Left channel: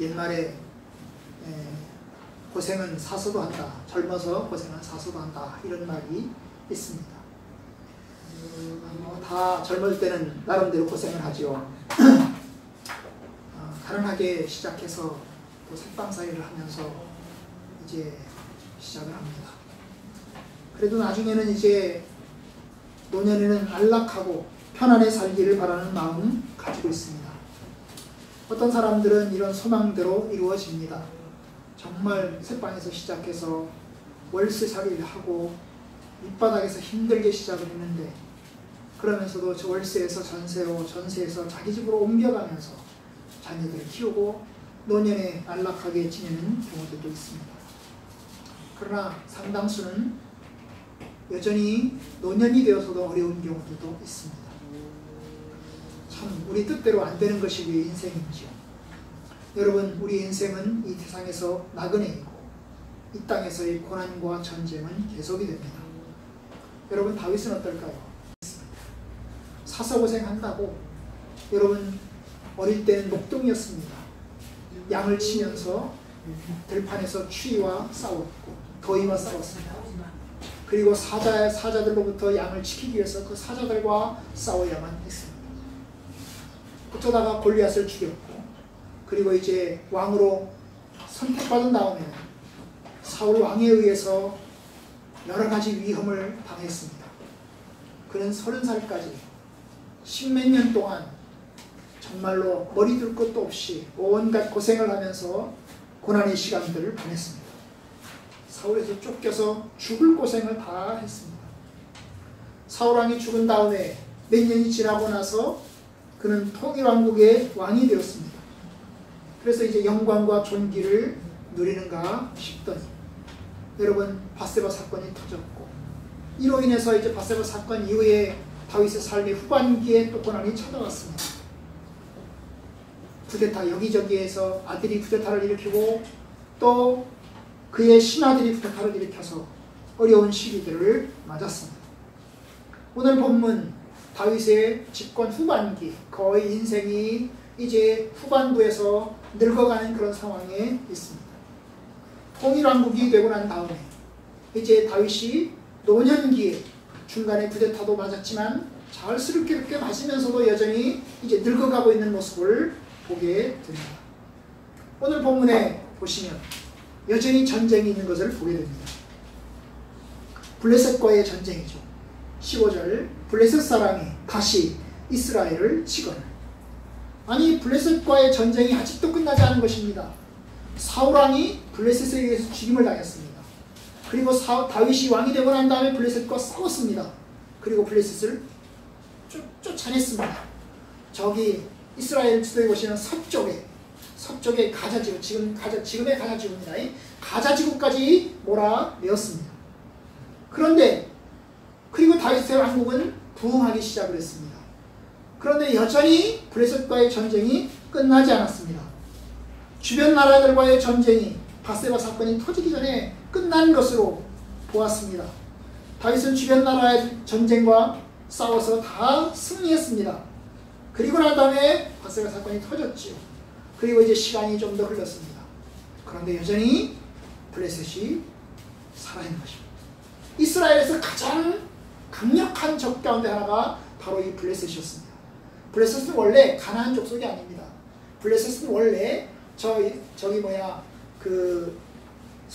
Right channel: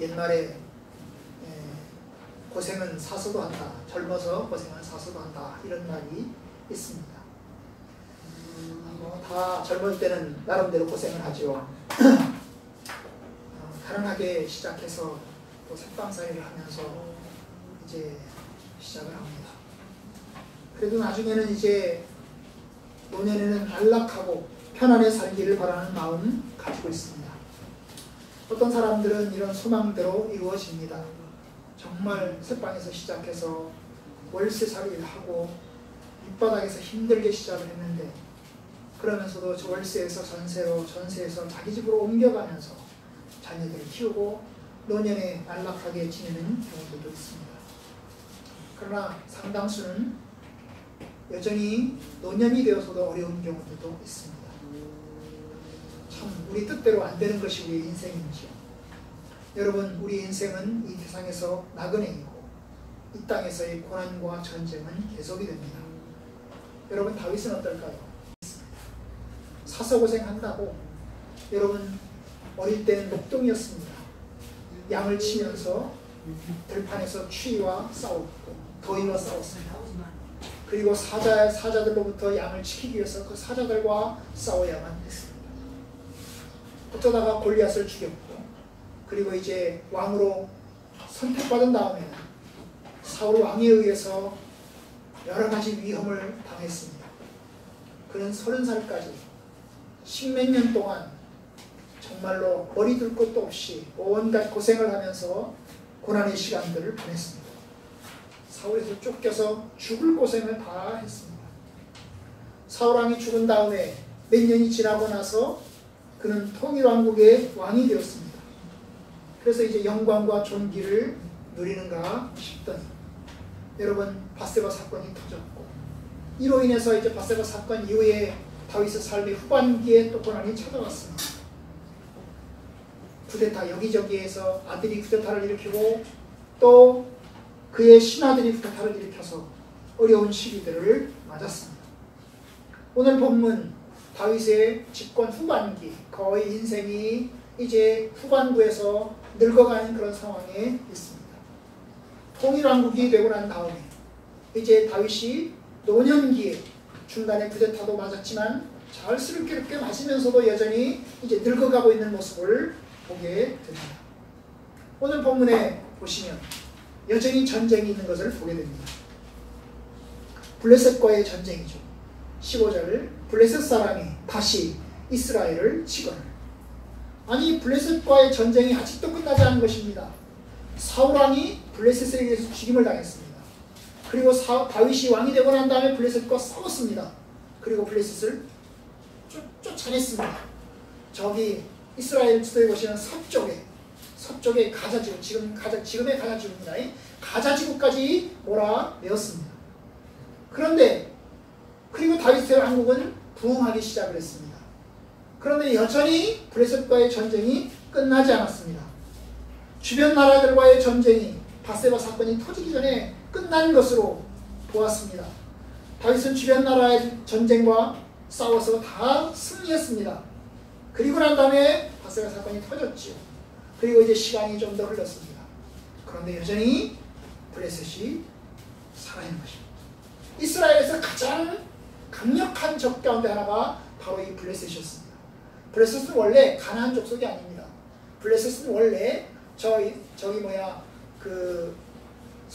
옛말에 고생은 사서도 한다. 젊어서 고생은 사서도 한다. 이런 말이 있습니다. 다 젊을 때는 나름대로 고생을 하죠. 가난하게 시작해서 또 색방살이를 하면서 이제 시작을 합니다. 그래도 나중에는 이제 노년에는 안락하고 편안히 살기를 바라는 마음 가지고 있습니다. 어떤 사람들은 이런 소망대로 이루어집니다. 정말 새방에서 시작해서 월세살이를 하고 밑바닥에서 힘들게 시작을 했는데 그러면서도 저 월세에서 전세에서 자기 집으로 옮겨가면서 자녀들을 키우고 노년에 안락하게 지내는 경우들도 있습니다. 그러나 상당수는 여전히 노년이 되어서도 어려운 경우들도 있습니다. 참 우리 뜻대로 안 되는 것이 우리 인생인지요. 여러분, 우리 인생은 이 세상에서 나그네이고 이 땅에서의 고난과 전쟁은 계속이 됩니다. 여러분, 다윗은 어떨까요? 사서고생한다고. 여러분, 어릴 때는 목동이었습니다. 양을 치면서 들판에서 추위와 싸웠고 더위와 싸웠습니다. 그리고 사자들로부터 양을 지키기 위해서 그 사자들과 싸워야만 했습니다. 어쩌다가 골리앗을 죽였고 그리고 이제 왕으로 선택받은 다음에 사울 왕에 의해서 여러 가지 위험을 당했습니다. 그는 30살까지 십몇 년 동안 정말로 머리 둘 것도 없이 온갖 고생을 하면서 고난의 시간들을 보냈습니다. 사울에서 쫓겨서 죽을 고생을 다 했습니다. 사울왕이 죽은 다음에 몇 년이 지나고 나서 그는 통일왕국의 왕이 되었습니다. 그래서 이제 영광과 존귀를 누리는가 싶더니 여러분, 밧세바 사건이 터졌고 이로 인해서 이제 밧세바 사건 이후에 다윗의 삶의 후반기에 또 고난이 찾아왔습니다. 쿠데타, 여기저기에서 아들이 쿠데타를 일으키고 또 그의 신하들이 쿠데타를 일으켜서 어려운 시기들을 맞았습니다. 오늘 본문 다윗의 집권 후반기, 거의 인생이 이제 후반부에서 늙어가는 그런 상황에 있습니다. 통일왕국이 되고 난 다음에 이제 다윗이 노년기에 중간에 쿠데타도 맞았지만 자연스럽게 마시면서도 여전히 이제 늙어가고 있는 모습을 보게 됩니다. 오늘 본문에 보시면 여전히 전쟁이 있는 것을 보게 됩니다. 블레셋과의 전쟁이죠. 15절, 블레셋 사람이 다시 이스라엘을 치거늘. 아니, 블레셋과의 전쟁이 아직도 끝나지 않은 것입니다. 사울왕이 블레셋에 의해서 죽임을 당했습니다. 그리고 다윗이 왕이 되고 난 다음에 블레셋과 싸웠습니다. 그리고 블레셋을 쫓아냈습니다. 저기 이스라엘 지도에 보시면 서쪽에 가자지구, 지금의 가자지구입니다. 가자지구까지 몰아내었습니다. 그런데 그리고 다윗의 왕국은 부흥하기 시작을 했습니다. 그런데 여전히 블레셋과의 전쟁이 끝나지 않았습니다. 주변 나라들과의 전쟁이 밧세바 사건이 터지기 전에 끝난 것으로 보았습니다. 다윗은 주변 나라의 전쟁과 싸워서 다 승리했습니다. 그리고 난 다음에 밧세바 사건이 터졌죠. 그리고 이제 시간이 좀 더 흘렀습니다. 그런데 여전히 블레셋이 살아있는 것입니다. 이스라엘에서 가장 강력한 적 가운데 하나가 바로 이 블레셋이었습니다. 블레셋은 원래 가나안 족속이 아닙니다. 블레셋은 원래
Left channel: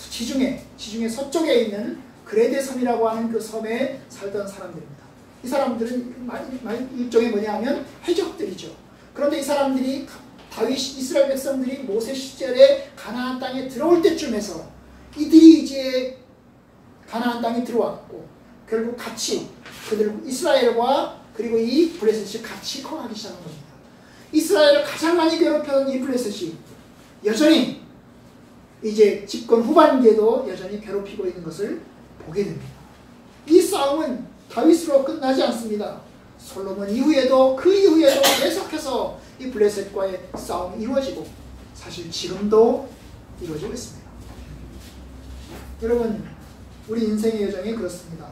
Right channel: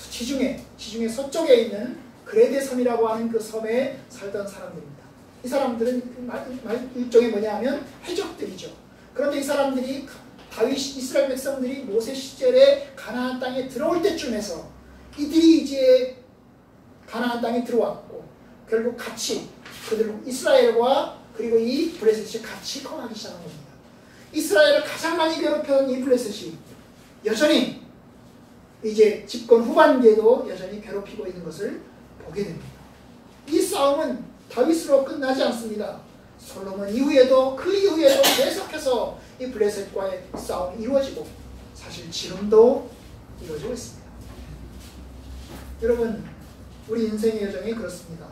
지중해 서쪽에 있는 그레데 섬이라고 하는 그 섬에 살던 사람들입니다. 이 사람들은 일종의 뭐냐면 해적들이죠. 그런데 이 사람들이 이스라엘 백성들이 모세 시절에 가나안 땅에 들어올 때쯤에서 이들이 이제 가나안 땅에 들어왔고 결국 같이 이스라엘과 그리고 이 블레셋이 같이 커가기 시작한 겁니다. 이스라엘을 가장 많이 괴롭혀온 이 블레셋이 여전히 이제 집권 후반기에도 여전히 괴롭히고 있는 것을 보게 됩니다. 이 싸움은 다윗으로 끝나지 않습니다. 솔로몬 이후에도 그 이후에도 계속해서 이 블레셋과의 싸움이 이루어지고 사실 지금도 이루어지고 있습니다. 여러분, 우리 인생의 여정이 그렇습니다.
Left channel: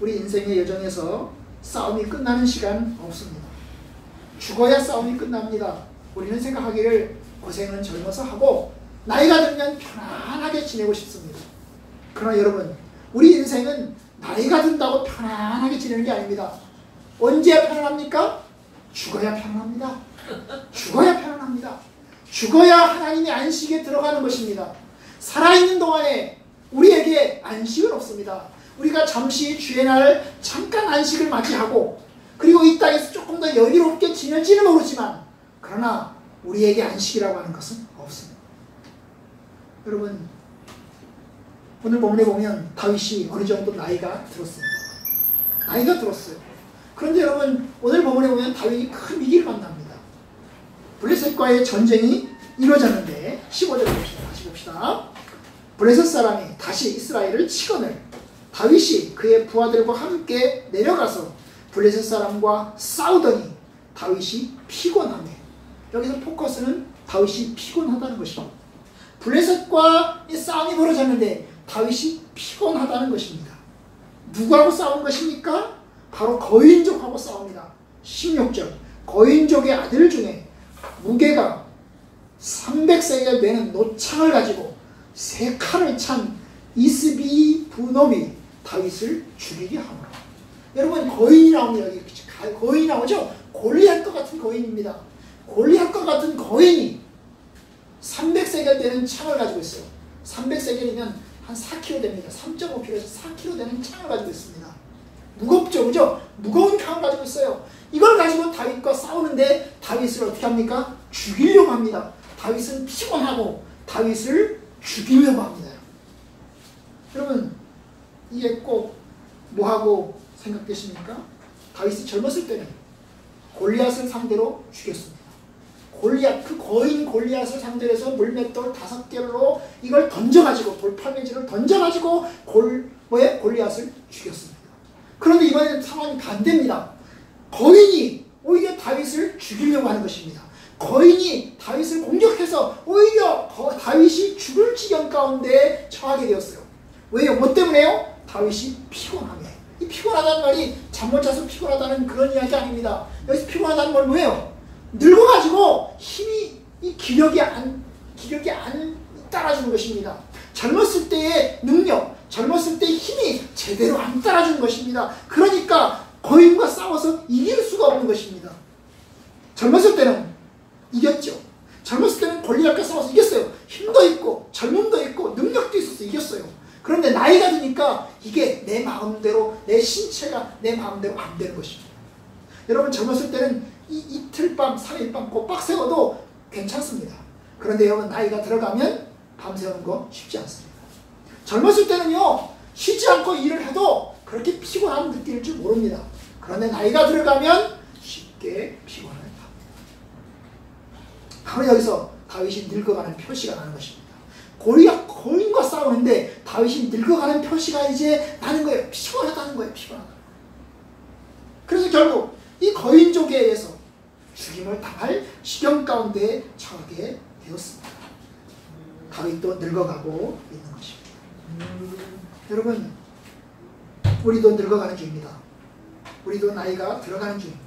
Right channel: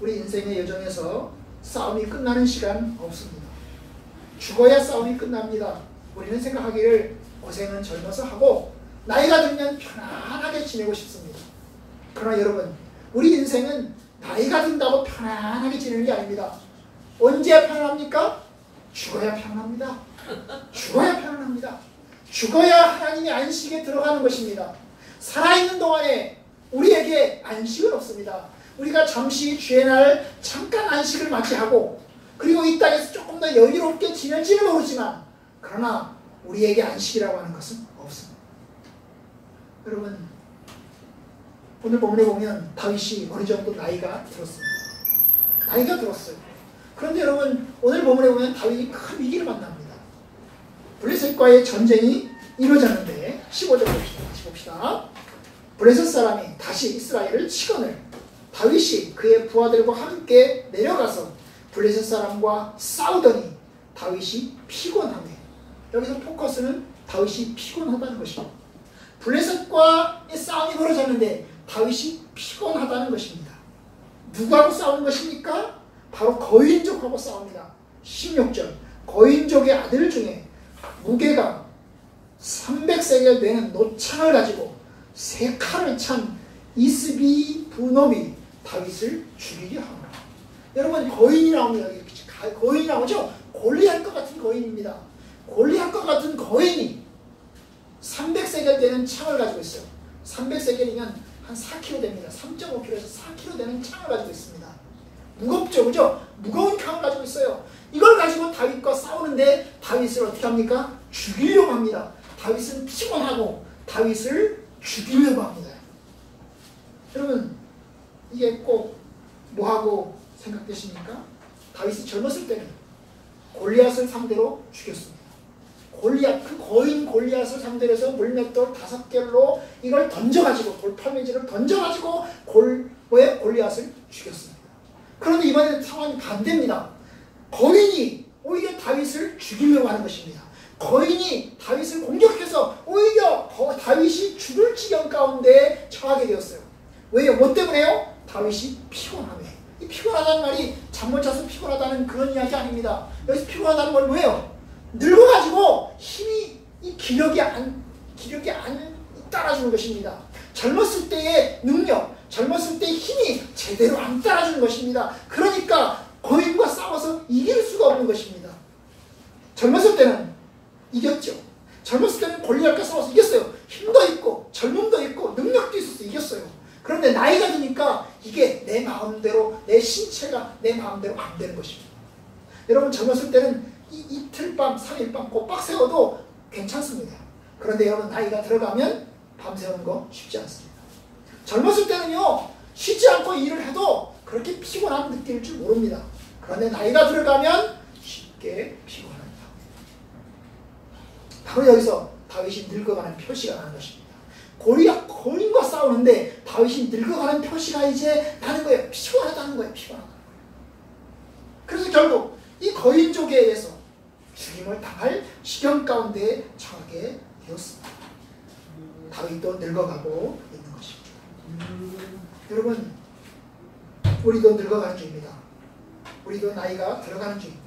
우리 인생의 여정에서 싸움이 끝나는 시간 없습니다. 죽어야 싸움이 끝납니다. 우리는 생각하기를 고생은 젊어서 하고 나이가 들면 편안하게 지내고 싶습니다. 그러나 여러분, 우리 인생은 나이가 든다고 편안하게 지내는 게 아닙니다. 언제 편안합니까? 죽어야 편안합니다. 죽어야 편안합니다. 죽어야 하나님의 안식에 들어가는 것입니다. 살아있는 동안에 우리에게 안식은 없습니다. 우리가 잠시 주의 날 잠깐 안식을 맞이하고 그리고 이 땅에서 조금 더 여유롭게 지낼지는 모르지만 그러나 우리에게 안식이라고 하는 것은 없습니다. 여러분, 오늘 본문에 보면 다윗이 어느 정도 나이가 들었습니다. 나이가 들었어요. 그런데 여러분, 오늘 본문에 보면 다윗이 큰 위기를 만납니다. 블레셋과의 전쟁이 이루어졌는데 15절 봅시다. 다시 봅시다. 블레셋 사람이 다시 이스라엘을 치거늘 다윗이 그의 부하들과 함께 내려가서 블레셋 사람과 싸우더니 다윗이 피곤하며, 여기서 포커스는 다윗이 피곤하다는 것입니다. 블레셋과 싸움이 벌어졌는데 다윗이 피곤하다는 것입니다. 누구하고 싸운 것입니까? 바로 거인족하고 싸웁니다. 16절, 거인족의 아들 중에 무게가 300세겔 되는 노창을 가지고 세 칼을 찬 이스비 부놈이 다윗을 죽이게 하노라. 여러분, 거인이 나오면 여기 거인이 나오죠? 골리앗과 같은 거인입니다. 골리앗과 같은 거인이 300세겔 되는 창을 가지고 있어요. 300세겔이면 한 4kg 됩니다. 3.5kg에서 4kg 되는 창을 가지고 있습니다. 무겁죠, 그죠? 무거운 창을 가지고 있어요. 이걸 가지고 다윗과 싸우는데 다윗을 어떻게 합니까? 죽이려고 합니다. 다윗은 피곤하고 다윗을 죽이려고 합니다. 여러분, 이게 꼭 뭐하고 생각되십니까? 다윗이 젊었을 때는 골리앗을 상대로 죽였습니다. 골리앗, 그 거인 골리앗을 상대로 해서 물맷돌 5개로 이걸 던져가지고, 돌파매질을 던져가지고 골리앗을 죽였습니다. 그런데 이번에는 상황이 반대입니다. 거인이 오히려 다윗을 죽이려고 하는 것입니다. 거인이 다윗을 공격해서 오히려 다윗이 죽을 지경 가운데 처하게 되었어요. 왜요? 뭐 때문에요? 다윗이 피곤하며. 이 피곤하다는 말이 잠 못 자서 피곤하다는 그런 이야기 아닙니다. 여기서 피곤하다는 건 뭐예요? 늙어가지고 힘이, 이 기력이 안 따라주는 것입니다. 젊었을 때의 능력, 젊었을 때의 힘이 제대로 안 따라주는 것입니다. 그러니까 거인과 싸워서 이길 수가 없는 것입니다. 젊었을 때는 이겼죠. 젊었을 때는 골리앗과 싸워서 이겼어요. 힘도 있고 젊음도 있고 능력도 있어서 이겼어요. 그런데 나이가 드니까 이게 내 마음대로, 내 신체가 내 마음대로 안 되는 것입니다. 여러분, 젊었을 때는 이틀 밤, 3일 밤 꼭 세워도 괜찮습니다. 그런데 여러분, 나이가 들어가면 밤새우는 거 쉽지 않습니다. 젊었을 때는요, 쉬지 않고 일을 해도 그렇게 피곤함 느낄 줄 모릅니다. 그런데 나이가 들어가면 쉽게 피곤합니다. 바로 여기서 다윗이 늙어가는 표시가 나는 것입니다. 거인과 싸우는데 다윗이 늙어가는 표시가 이제 나는 거예요. 피곤하다는 거예요. 피곤하다. 그래서 결국 이 거인족에 의해서 죽임을 당할 시경 가운데 처하게 되었습니다. 다윗도 늙어가고 있는 것입니다. 여러분, 우리도 늙어가는 중입니다. 우리도 나이가 들어가는 중입니다.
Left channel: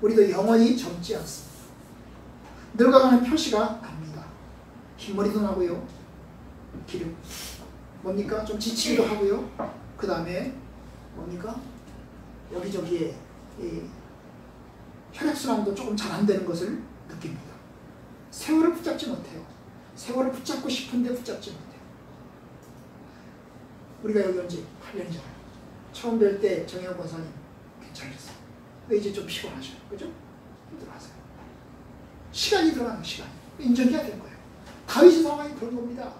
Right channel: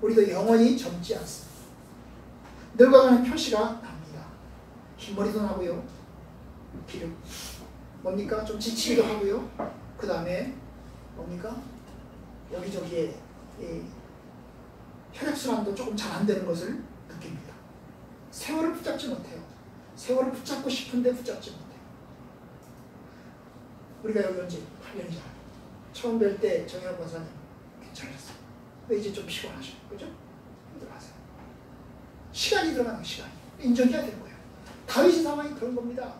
우리도 영원히 젊지 않습니다. 늙어가는 표시가 납니다. 흰머리도 나고요. 기름. 뭡니까? 좀 지치기도 하고요. 그 다음에 뭡니까? 여기저기에 혈액순환도 조금 잘 안 되는 것을 느낍니다. 세월을 붙잡지 못해요. 세월을 붙잡고 싶은데 붙잡지 못해요. 우리가 여기 온 지 8년이잖아요. 처음 뵐 때 정현호 권사님 괜찮았어요. 이제 좀 피곤하셔요. 그죠? 힘들어하세요. 시간이 들어가는 시간. 인정해야 되는 거예요. 다윗의 상황이 그런 겁니다.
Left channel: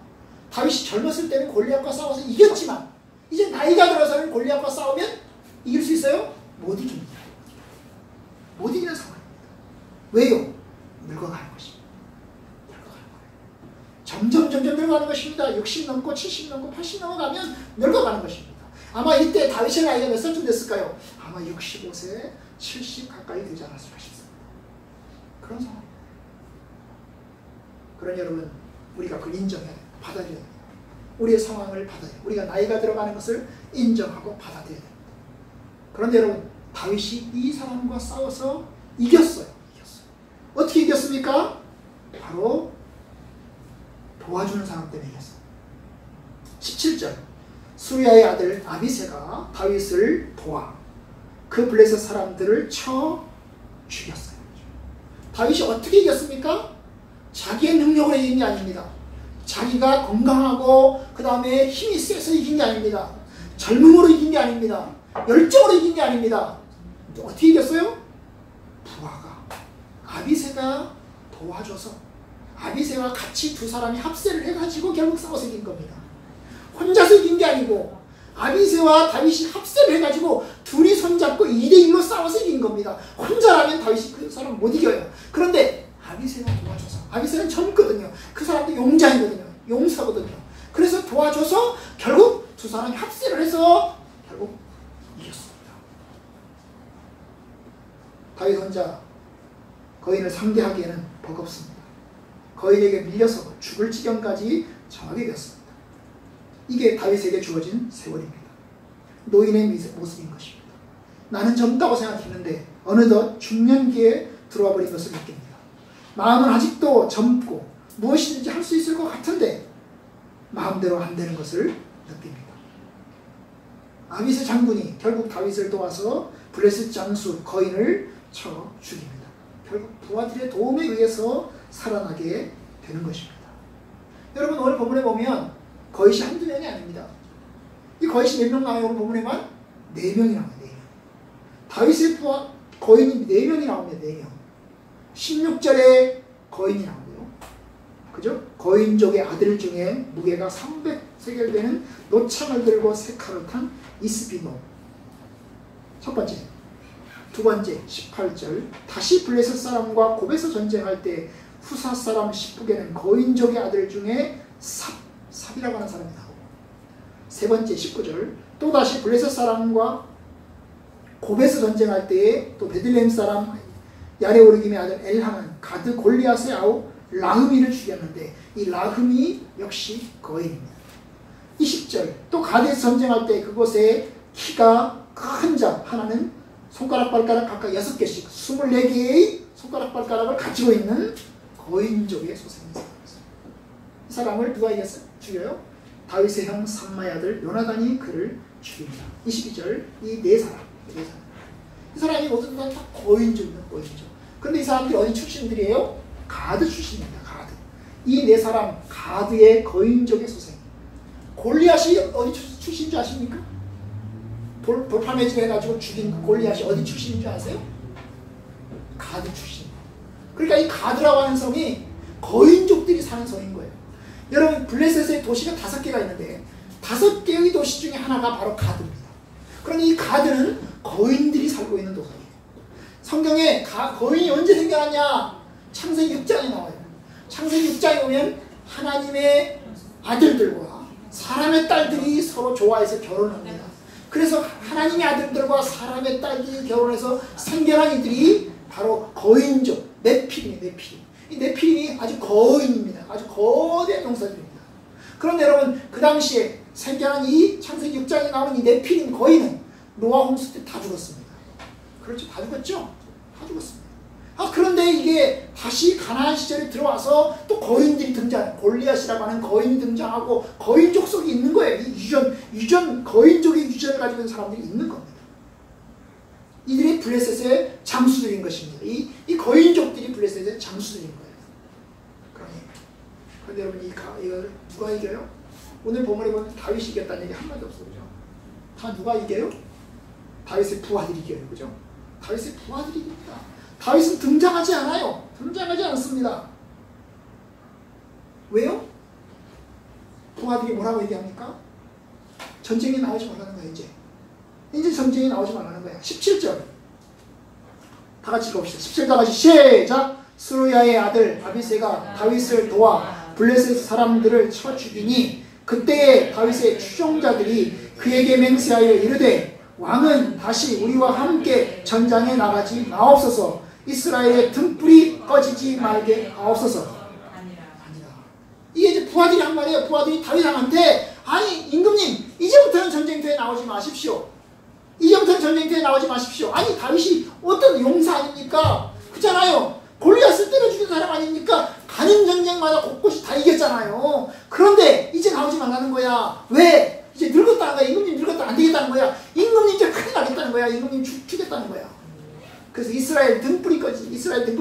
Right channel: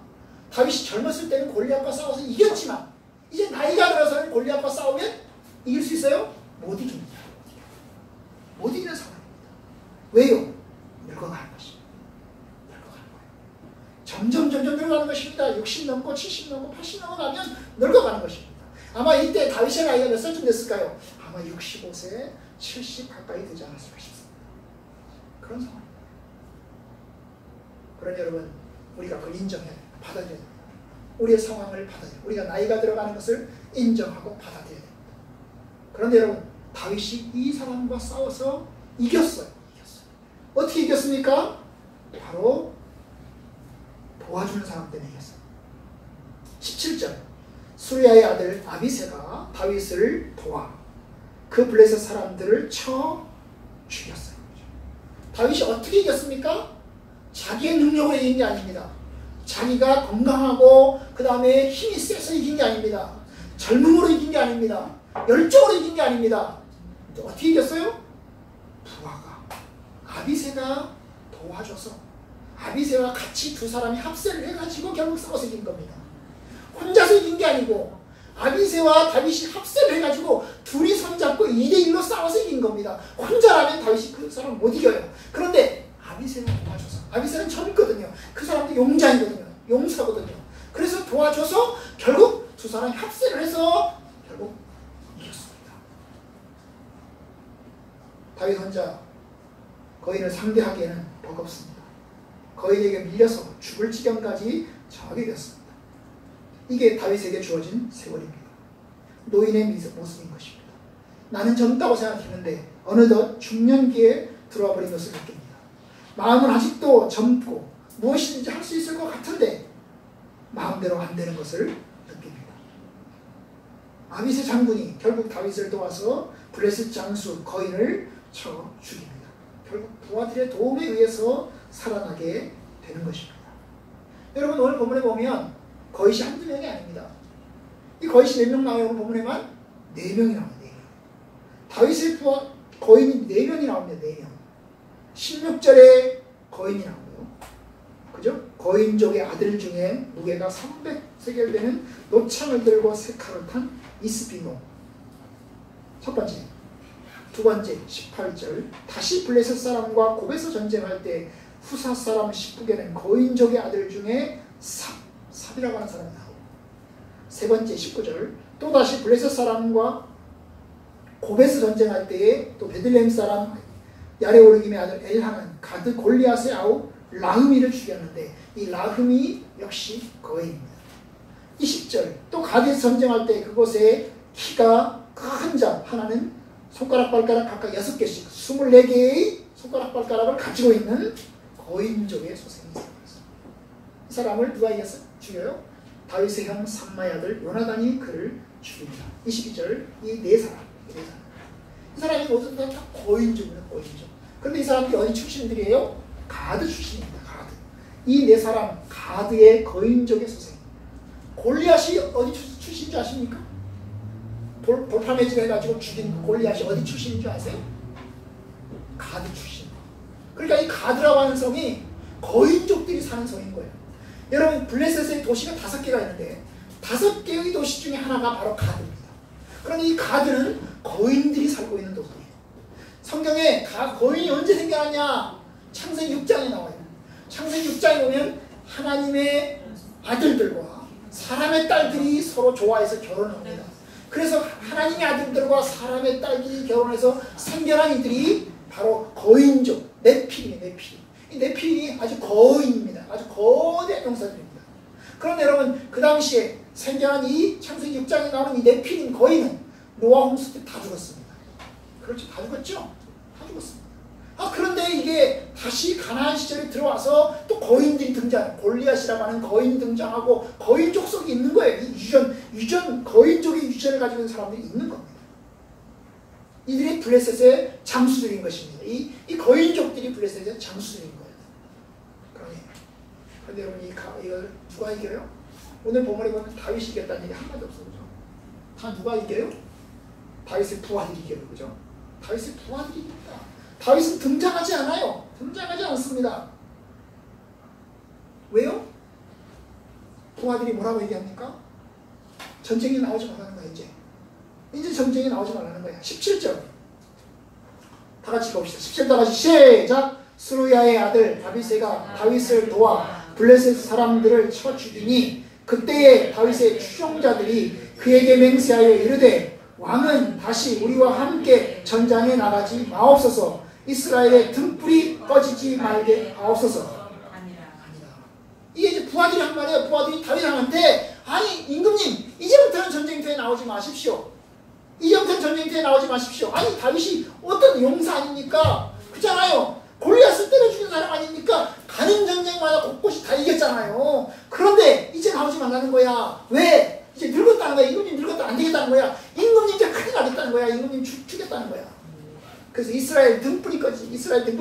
다윗이 젊었을 때는 골리앗과 싸워서 이겼지만 이제 나이가 들어서는 골리앗과 싸우면 이길 수 있어요? 못 이깁니다. 못 이기는 상황입니다. 왜요? 늙어가는 것입니다. 늙어가는 거예요. 점점 늙어가는 것입니다. 60 넘고 70 넘고 80 넘어가면 늙어가는 것입니다. 아마 이때 다윗의 나이가 몇 살쯤 됐을까요? 아마 65세, 70 가까이 되지 않았을까 싶습니다. 그런 상황입니다. 그러니 여러분, 우리가 그걸 인정해야 돼요. 받아들여야 됩니다. 우리의 상황을 받아들여야 돼요. 우리가 나이가 들어가는 것을 인정하고 받아들여야 됩니다. 그런데 여러분, 다윗이 이 사람과 싸워서 이겼어요. 어떻게 이겼습니까? 바로 도와주는 사람 때문이겠어요. 17절 수리아의 아들 아비새가 다윗을 도와 그 블레셋 사람들을 쳐 죽였어요. 다윗이 어떻게 이겼습니까? 자기의 능력으로 이긴 게 아닙니다. 자기가 건강하고 그 다음에 힘이 세서 이긴 게 아닙니다. 젊음으로 이긴 게 아닙니다. 열정으로 이긴 게 아닙니다. 어떻게 이겼어요? 부하가 아비새가 도와줘서 아비새와 같이 두 사람이 합세를 해가지고 결국 싸워서 이긴 겁니다. 혼자서 이긴 게 아니고 아비새와 다윗이 합세를 해가지고 둘이 손잡고 2대1로 싸워서 이긴 겁니다. 혼자라면 다윗이 그 사람 못 이겨요. 그런데 아비새가 도와줘서 아비새는 젊거든요. 그 사람도 용자이거든요. 용사거든요. 그래서 도와줘서 결국 두 사람이 합세를 해서 결국 이겼습니다. 다윗 혼자 거인을 상대하기에는 버겁습니다. 거인에게 밀려서 죽을 지경까지 정하게 됐습니다. 이게 다윗에게 주어진 세월입니다. 노인의 모습인 것입니다. 나는 젊다고 생각했는데 어느덧 중년기에 들어와 버린 것을 느낍니다. 마음은 아직도 젊고 무엇이든지 할 수 있을 것 같은데 마음대로 안 되는 것을 느낍니다. 아비새 장군이 결국 다윗을 도와서 블레셋 장수 거인을 쳐 죽입니다. 결국 부하들의 도움에 의해서 살아나게 되는 것입니다. 여러분 오늘 본문에 보면 거인이 한두 명이 아닙니다. 이 거인이 몇 명 나와요? 오늘 본문에만 4명이 나와요. 4명. 다윗의 부하 거인이 4명이 나옵니다. 4명. 16절에 거인이 나오고요. 그죠? 거인족의 아들 중에 무게가 300세겔 되는 노창을 들고 세 칼을 탄 이스비노. 첫 번째. 두 번째 18절 다시 블레셋 사람과 곱에서 전쟁할 때 후사 사람 10북에는 거인족의 아들 중에 삽이라고 하는 사람이 나오고 세 번째 19절 또다시 블레셋 사람과 곱에서 전쟁할 때에 또 베들레헴 사람 야레오르김의 아들 엘하는 가드 골리앗의 아우 라흐미를 죽였는데 이 라흐미 역시 거인입니다. 20절 또 가드에서 전쟁할 때 그곳에 키가 큰 자 하나는 손가락 발가락 각각 6개씩 24개의 손가락 발가락을 가지고 있는 거인족의 소생이 있습니다. 이 사람을 누가 이겼어요? 죽여요? 다윗의 형 삼마의 아들 요나단이 그를 죽입니다. 22절 이 네 사람 이 사람이 모두 다 거인족이에요. 거인족. 그런데 이 사람들이 어디 출신들이에요? 가드 출신입니다. 가드. 이 네 사람 가드의 거인족의 소생. 골리앗이 어디 출신인 줄 아십니까? 돌파매질 해가지고 죽인 골리앗이 어디 출신인 줄 아세요? 가드 출신. 그러니까 이 가드라고 하는 성이 거인족들이 사는 성인 거예요. 여러분 블레셋의 도시가 5개가 있는데 5개의 도시 중에 하나가 바로 가드입니다. 그런데 이 가드는 거인들이 살고 있는 도시예요. 성경에 거인이 언제 생겨났냐? 창세기 6장에 나와요. 창세기 6장에 보면 하나님의 아들들과 사람의 딸들이 서로 좋아해서 결혼합니다. 그래서 하나님의 아들들과 사람의 딸들이 결혼해서 생겨난 이들이 바로 거인족, 네필이에요. 네필. 이 네필이 아주 거인입니다. 아주 거대한 용사들입니다. 그런데 여러분 그 당시에 생겨난 이 창세기 6장에 나오는 이 네필인 거인은 노아 홍수 때 다 죽었습니다. 그렇죠? 다 죽었죠? 다 죽었습니다. 그런데 이게 다시 가나안 시절에 들어와서 또 거인들이 등장, 골리앗이라고 하는 거인이 등장하고 거인 족속이 있는 거예요. 이 유전 거인족의 유전을 가지고 있는 사람들이 있는 겁니다. 이들이 블레셋의 장수들인 것입니다. 이 거인족들이 블레셋의 장수들인 거예요. 그런데 여러분 이거 누가 이겨요? 오늘 본문에 보면 다윗이 이겼다는 얘기 한마디 없어요. 그죠? 다 누가 이겨요? 다윗의 부하들이 이겨요. 그죠? 다윗의 부하들이 이깁니다. 다윗은 등장하지 않아요. 등장하지 않습니다. 왜요? 부하들이 뭐라고 얘기합니까? 전쟁에 나오지 말라는 거야. 이제 전쟁에 나오지 말라는 거야. 17절 다 같이 읽어봅시다. 17절 다 같이 시작. 스루야의 아들 아비새가 다윗을 도와 블레셋 사람들을 쳐 죽이니 그때에 다윗의 추종자들이 그에게 맹세하여 이르되 왕은 다시 우리와 함께 전장에 나가지 마옵소서. 이스라엘의 등불이 꺼지지 말게 하옵소서. 아니라. 이게 이제 부하들이 한 말이에요. 부하들이 다윗왕한테 아니 임금님 이제부터는 전쟁터에 나오지 마십시오. 이제부터는 전쟁터에 나오지 마십시오. 아니 다윗이 어떤 용사 아닙니까? 그렇잖아요. 골리앗을 때려 죽인 사람 아닙니까? 가는 안 하는 거야. 왜? 이제 늙었다는 거야. 임금님 늙었다 안 되겠다는 거야. 임금님 이제 큰일 나겠다는 거야. 임금님 죽겠다는 거야. 그래서 이스라엘 등불이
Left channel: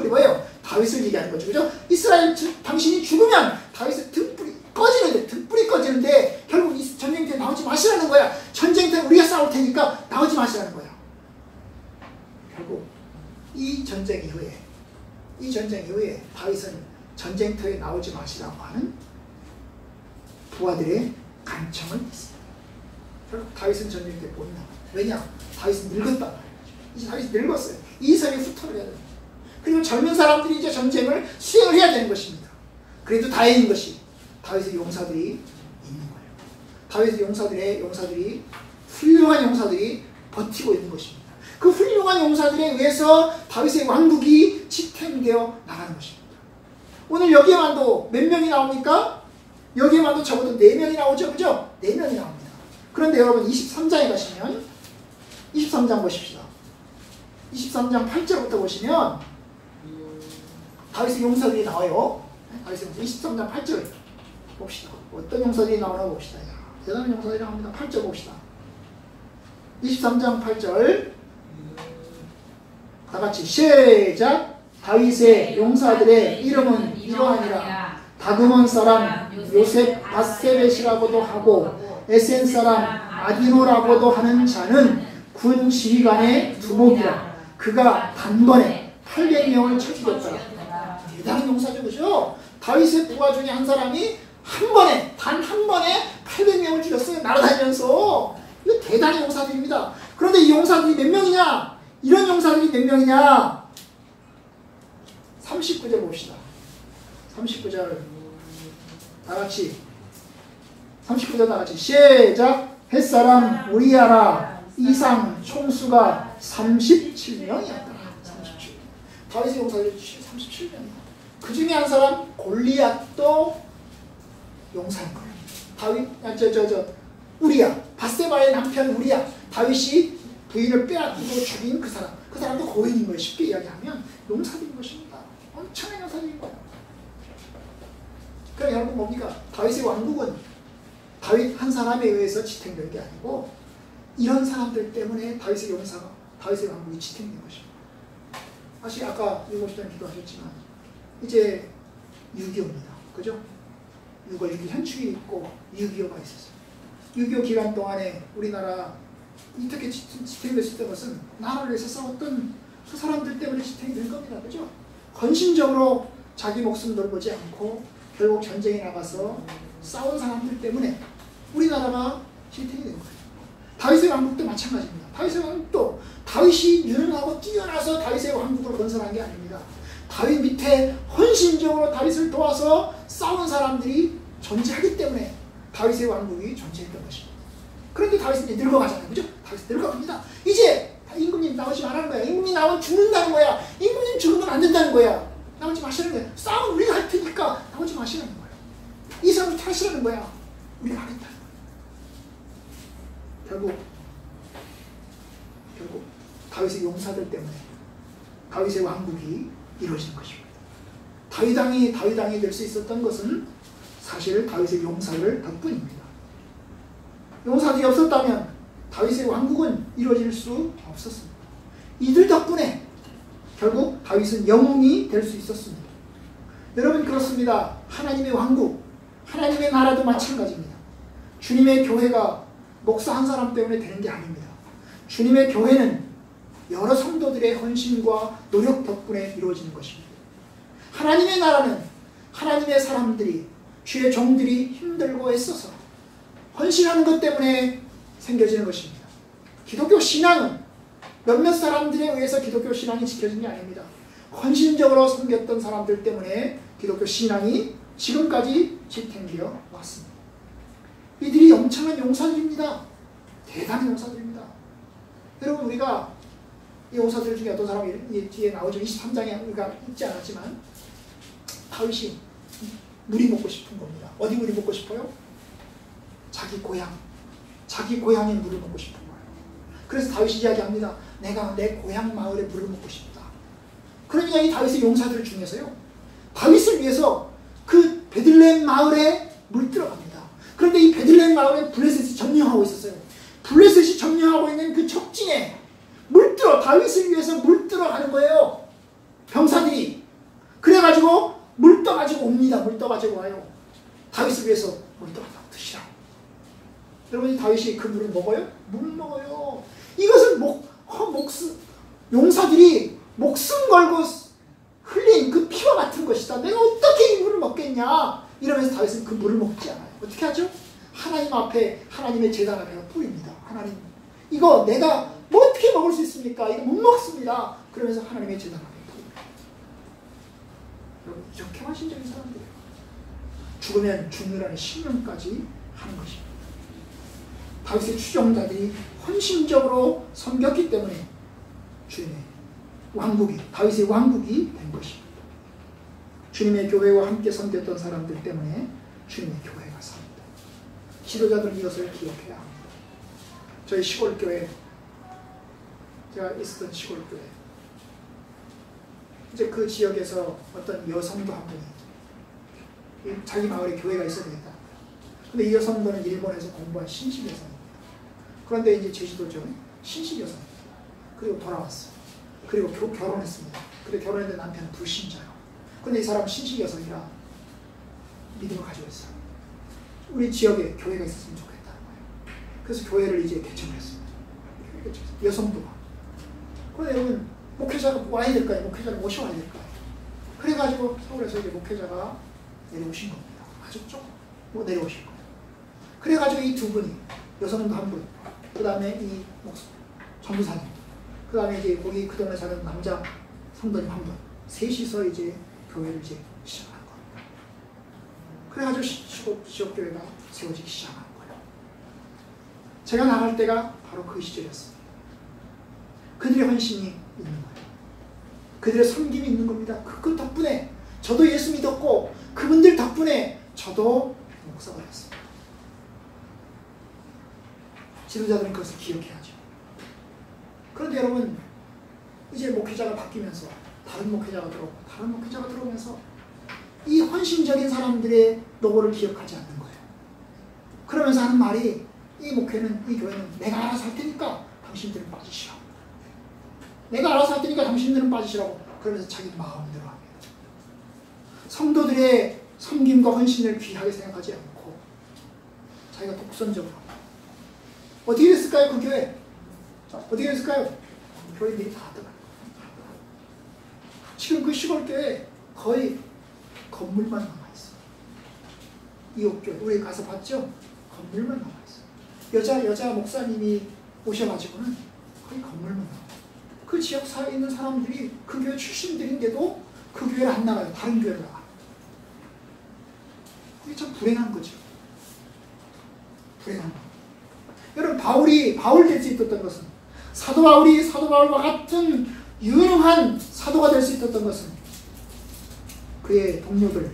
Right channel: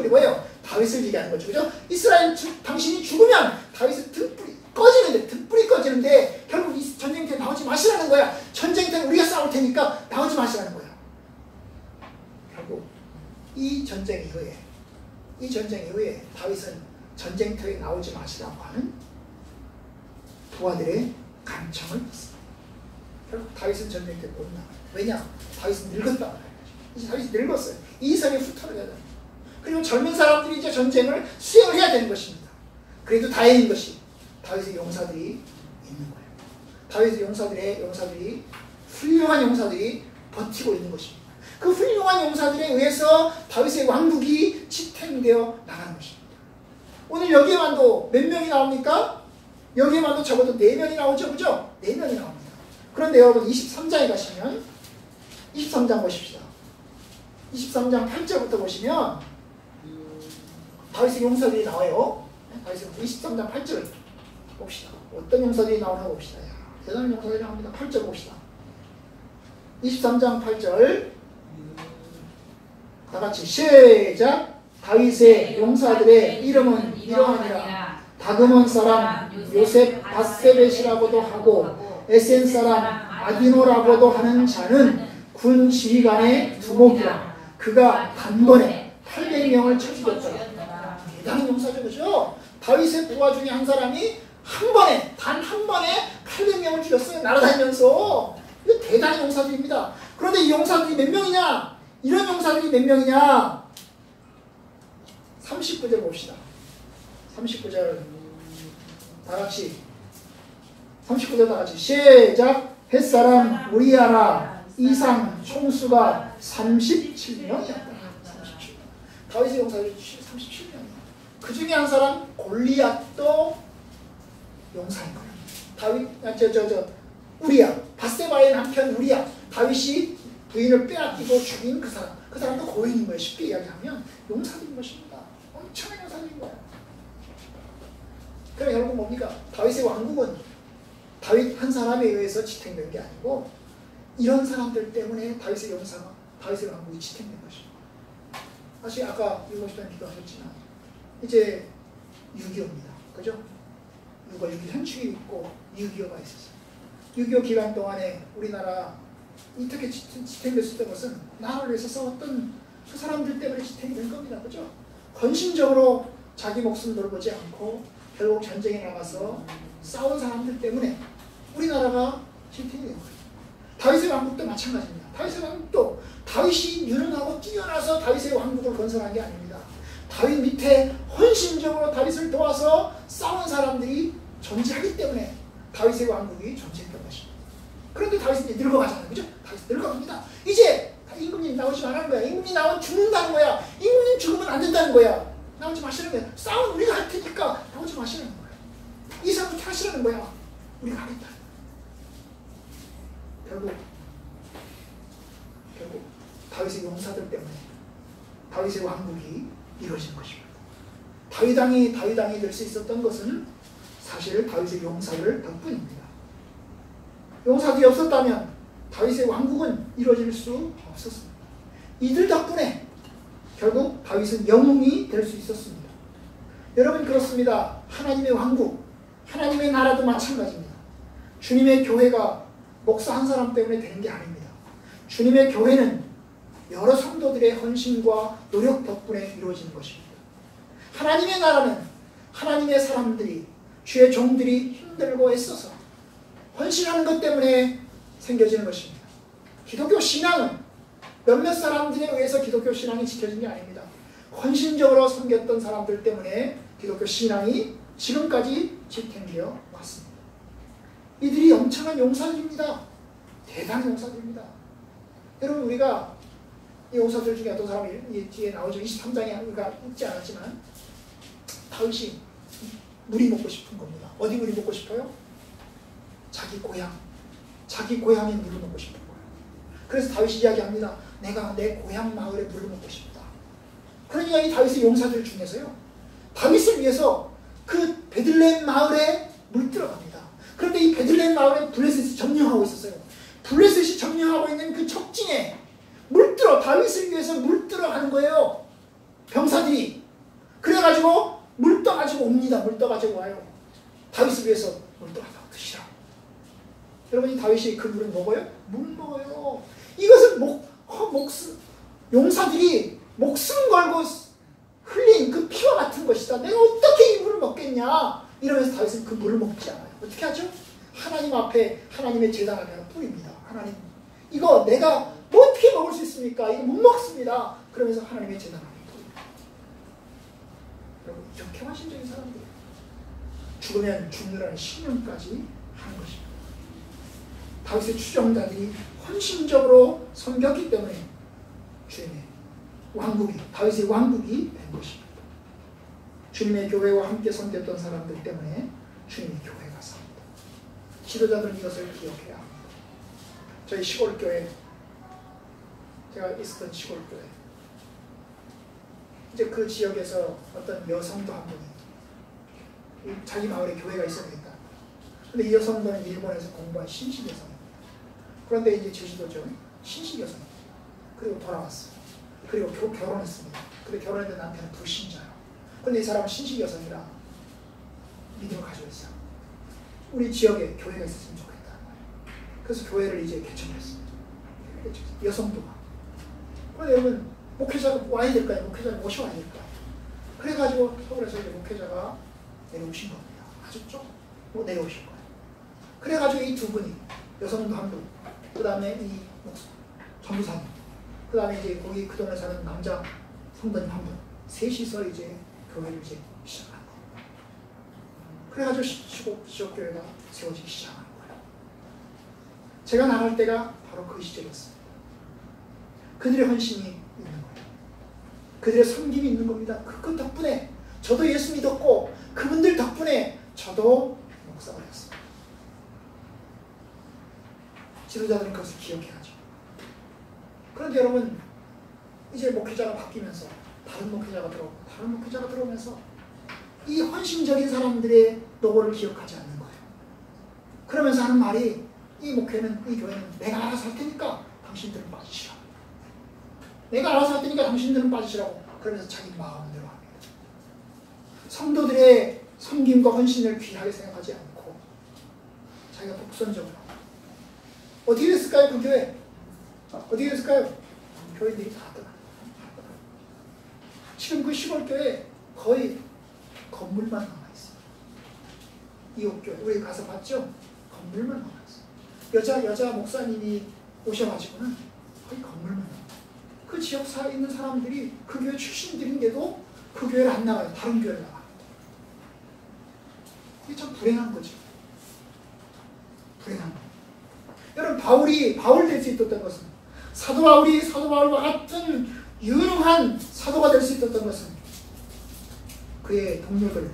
뭐예요? 다윗을 얘기하는 거죠. 그죠? 이스라엘 당신이 죽으면 다윗의 등불이 꺼지는데 결국 이 전쟁터에 나오지 마시라는 거야. 전쟁터에 우리가 싸울 테니까 나오지 마시라는 거야. 결국 이 전쟁 이후에 다윗은 전쟁터에 나오지 마시라고 하는 부하들의 간청을 받습니다. 결국 다윗은 전쟁터에 못 나가. 왜냐? 다윗은 늙었다. 이제 다윗이 늙었어요. 이성이 흩어져야 돼요. 그리고 젊은 사람들이 이제 전쟁을 수행을 해야 되는 것입니다. 그래도 다행인 것이 다윗의 용사들이 있는 거예요. 다윗의 용사들이 훌륭한 용사들이 버티고 있는 것입니다. 그 훌륭한 용사들에 의해서 다윗의 왕국이 지탱되어 나가는 것입니다. 오늘 여기에만도 몇 명이 나옵니까? 여기에만도 적어도 4명이 나오죠. 그죠? 4명이 나옵니다. 그런데 여러분 23장에 가시면 23장 보십시다. 23장 8절부터 보시면 다윗의 용사들이 나와요. 다윗의 23장 8절 봅시다. 어떤 용사들이 나오나 봅시다. 야, 대단한 용사들이 나옵니다. 8절 봅시다. 23장 8절 다같이 시작. 다윗의 용사들의 이름은 이러하니라. 다그몬 사람 요셉 바세벳이라고도 하고 에센 사람 아디노라고도 하는 자는 군 지휘관의 두목이라. 그가 단번에 800명을 쳐죽였더라. 대단한 용사죠. 그죠? 다윗의 부하 중에 한 사람이 단 한 번에 800명을 죽였어요. 날아다니면서. 이거 대단한 용사들입니다. 그런데 이 용사들이 몇 명이냐? 이런 용사들이 몇 명이냐? 39절 봅시다. 39절 다같이 39절 다같이 시작. 햇사람 우리아라 이상 총수가 37명이었다. 37명. 다윗의 용사들이 37명이야. 그 중에 한 사람 골리앗도 용사인 거예요. 우리야. 바세바의 남편 우리야. 다윗이 부인을 빼앗기고 죽인 그 사람. 그 사람도 고인인 거예요. 쉽게 이야기하면 용사들인 것입니다. 엄청난 용사들인 거예요. 그럼 여러분 뭡니까? 다윗의 왕국은 다윗 한 사람에 의해서 지탱된 게 아니고 이런 사람들 때문에 다윗의 왕국이 지탱된 것입니다. 사실 아까 유고시단 기도하셨지만 이제 6.25입니다. 그죠? 6월 6일 현충이 있고 6.25가 있었어요. 6.25 기간 동안에 우리나라 이렇게 지탱됐었던 것은 나라를 위해서 싸웠던 그 사람들 때문에 지탱이 된 겁니다. 그죠? 헌신적으로 자기 목숨 돌보지 않고 결국 전쟁에 나가서 싸운 사람들 때문에 우리나라가 지탱이 된 거예요. 다윗의 왕국도 마찬가지입니다. 다윗의 왕국도 다윗이 유능하고 뛰어나서 다윗의 왕국을 건설한 게 아닙니다. 다윗 밑에 헌신적으로 다윗을 도와서 싸운 사람들이 존재하기 때문에 다윗의 왕국이 존재했던 것입니다. 그런데 다윗은 이제 늙어가잖아요. 그죠? 다윗은 늙어갑니다. 이제 임금님 나오지 말라는 거야. 임금님 나오면 죽는다는 거야. 임금님 죽으면 안 된다는 거야. 나오지 마시라는 거야. 싸움은 우리가 할 테니까 나오지 마시라는 거야. 이 사람을 타시라는 거야. 우리가 하겠다. 결국 다윗의 용사들 때문에 다윗의 왕국이 이루어진 것입니다. 다윗왕이 될 수 있었던 것은 사실 다윗의 용사들 덕분입니다. 용사들이 없었다면 다윗의 왕국은 이루어질 수 없었습니다. 이들 덕분에 결국 다윗은 영웅이 될 수 있었습니다. 여러분 그렇습니다. 하나님의 왕국, 하나님의 나라도 마찬가지입니다. 주님의 교회가 목사 한 사람 때문에 되는 게 아닙니다. 주님의 교회는 여러 성도들의 헌신과 노력 덕분에 이루어지는 것입니다. 하나님의 나라는 하나님의 사람들이, 주의 종들이 힘들고 애써서 헌신하는 것 때문에 생겨지는 것입니다. 기독교 신앙은 몇몇 사람들에 의해서 기독교 신앙이 지켜진 게 아닙니다. 헌신적으로 섬겼던 사람들 때문에 기독교 신앙이 지금까지 지탱되어 왔습니다. 이들이 엄청난 용사들입니다. 대단한 용사들입니다. 여러분 우리가 이 용사들 중에 어떤 사람이 뒤에 나오죠. 23장에 우리가 읽지 않았지만 다윗이 물이 먹고 싶은 겁니다. 어디 물이 먹고 싶어요? 자기 고향의 물을 먹고 싶은 거예요. 그래서 다윗이 이야기합니다. 내가 내 고향 마을에 물을 먹고 싶다. 그러니까 이 다윗의 용사들 중에서요. 다윗을 위해서 그 베들레헴 마을에 물 들어갑니다. 그런데 이 베들레헴 마을에 블레셋이 점령하고 있었어요. 블레셋이 점령하고 있는 그 적진에 물들어, 다윗을 위해서 물들어 가는 거예요. 병사들이. 그래가지고 물 떠가지고 옵니다. 물 떠가지고 와요. 다윗을 위해서 물 떠가지고 드시라고. 여러분, 이 다윗이 그 물을 먹어요? 물 먹어요. 이것은 용사들이 목숨 걸고 흘린 그 피와 같은 것이다. 내가 어떻게 이 물을 먹겠냐? 이러면서 다윗은 그 물을 먹지 않아요. 어떻게 하죠? 하나님 앞에, 하나님의 제단 앞에 뿌립니다. 하나님, 이거 내가 뭐 어떻게 먹을 수 있습니까? 이거 못 먹습니다. 그러면서 하나님의 제단 앞에 뿌립니다. 여러분, 이렇게 헌신적인 사람들이에요. 죽으면 죽느라는 신념까지 하는 것입니다. 다윗의 추종자들이 헌신적으로 섬겼기 때문에 주님의 왕국이, 다윗의 왕국이 된 것입니다. 주님의 교회와 함께 섬겼던 사람들 때문에 주님의 교회가 삽니다. 지도자들은 이것을 기억해야 합니다. 저희 시골교회, 제가 있었던 시골교회, 이제 그 지역에서 어떤 여성도 한 분이 자기 마을에 교회가 있어야 되겠다. 근데 이 여성분은 일본에서 공부한 신식 여성입니다. 그런데 이제 제주도죠. 신식 여성입니다. 그리고 돌아왔어요. 그리고 결혼했습니다. 근데 결혼했는데 남편은 불신자예요. 근데 이 사람은 신식 여성이라 믿음을 가지고 있어요. 우리 지역에 교회가 있었으면 좋겠다는 거예요. 그래서 교회를 이제 개척을 했습니다. 여성도가. 그런데 여러분, 목회자가 와야 될까요? 목회자를 모셔와야 될까요? 그래가지고 서울에서 이제 목회자가 내려오신 겁니다. 아주 좀 내려오실 거예요. 그래가지고 이 두 분이, 여성도 한 분, 그 다음에 이 전도사님, 그 다음에 이제 거기 그 동네 사는 남자 성도님 한 분, 셋이서 이제 교회를 이제 시작한 거예요. 그래가지고 지역교회가 세워지기 시작한 거예요. 제가 나갈 때가 바로 그 시절이었습니다. 그들의 헌신이 있는 거예요. 그들의 섬김이 있는 겁니다. 그 덕분에 저도 예수 믿었고, 그분들 덕분에 저도 목사가 됐습니다. 지도자들은 그것을 기억해야죠. 그런데 여러분, 이제 목회자가 바뀌면서 다른 목회자가 들어오고 다른 목회자가 들어오면서 이 헌신적인 사람들의 노고를 기억하지 않는 거예요. 그러면서 하는 말이, 이 목회는, 이 교회는 내가 알아서 할 테니까 당신들은 빠지시라고. 내가 알아서 할 테니까 당신들은 빠지시라고. 그러면서 자기 마음대로 합니다. 성도들의 섬김과 헌신을 귀하게 생각하지 않고 자기가 독선적으로. 어떻게 됐을까요, 그 교회? 어떻게 됐을까요? 교인들이 다 떠나. 지금 그 시골교회 거의 건물만 남아있어요. 이옥교회, 우리 가서 봤죠? 건물만 남아있어요. 여자 목사님이 오셔가지고는 거의 건물만 남아요. 그 지역사회에 있는 사람들이 그 교회 출신들인데도 그 교회를 안 나가요. 다른 교회를 나가요. 이게 참 불행한 거죠. 불행한 거. 여러분, 바울 될 수 있었던 것은, 사도 바울과 같은 유능한 사도가 될 수 있었던 것은 그의 동료들,